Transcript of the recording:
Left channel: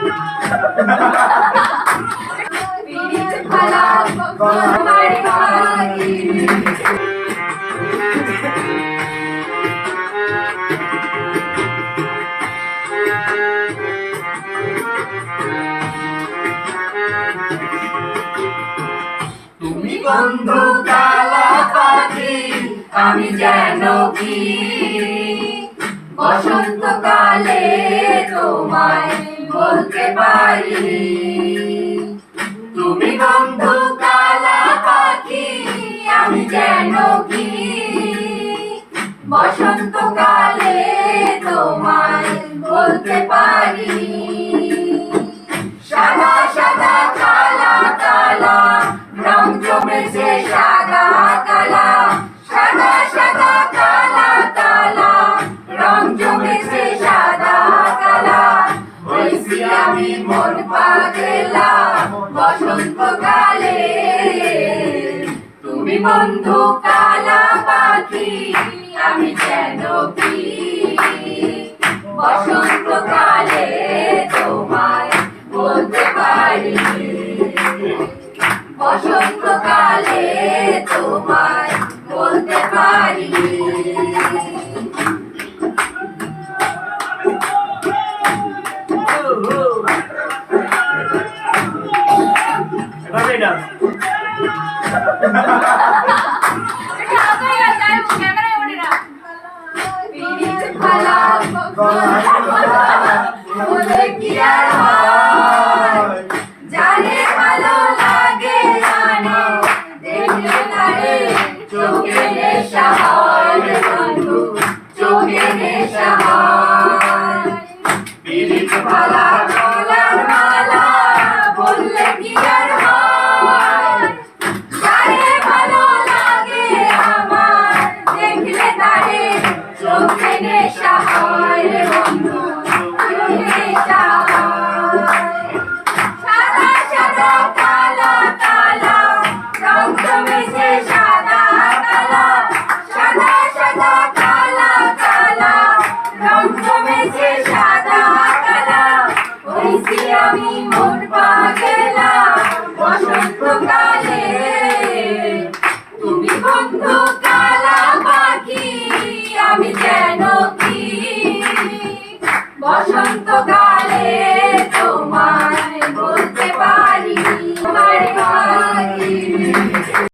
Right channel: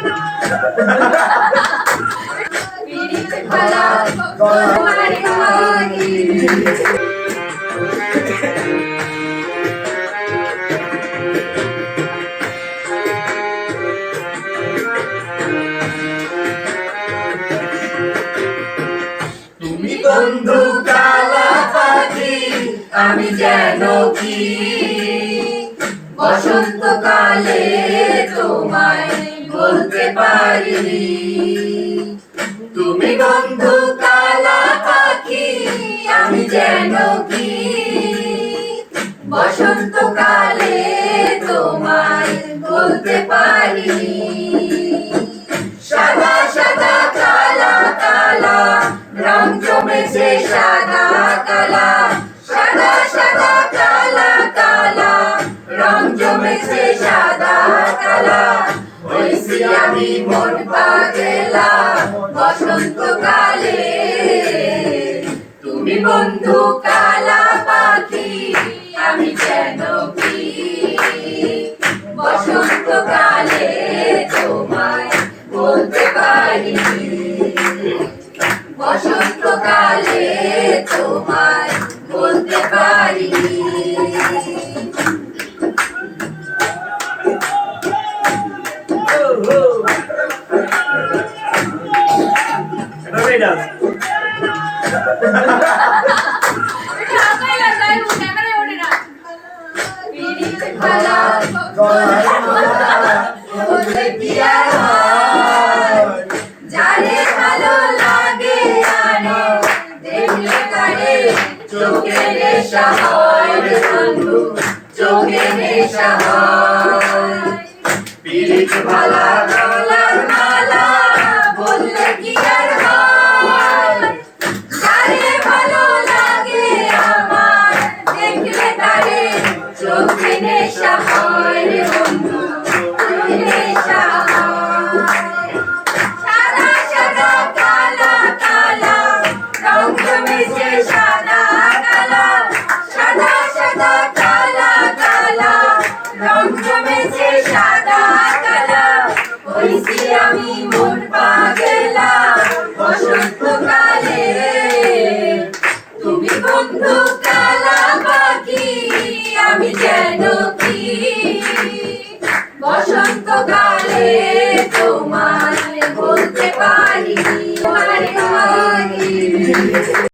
তুমি বন্ধু কালা পাখি আমি যেন কি বসন্তকালে তোমায় বলতে পারিনি। তুমি বন্ধু কালা পাখি আমি যেন কি বসন্তকালে তোমায় বলতে পারিনি। সাদা সাদা কালা কালা রং জমেছে সাদা কালা, সাদা সাদা কালা কালা রং জমেছে সাদা কালা। হইছি আমি মন পাগলা বসন্তকালে। তুমি বন্ধু কালা পাখি আমি যেন কি বসন্তকালে তোমায় বলতে পারিনি। বসন্তকালে তোমায় বলতে পারিনি।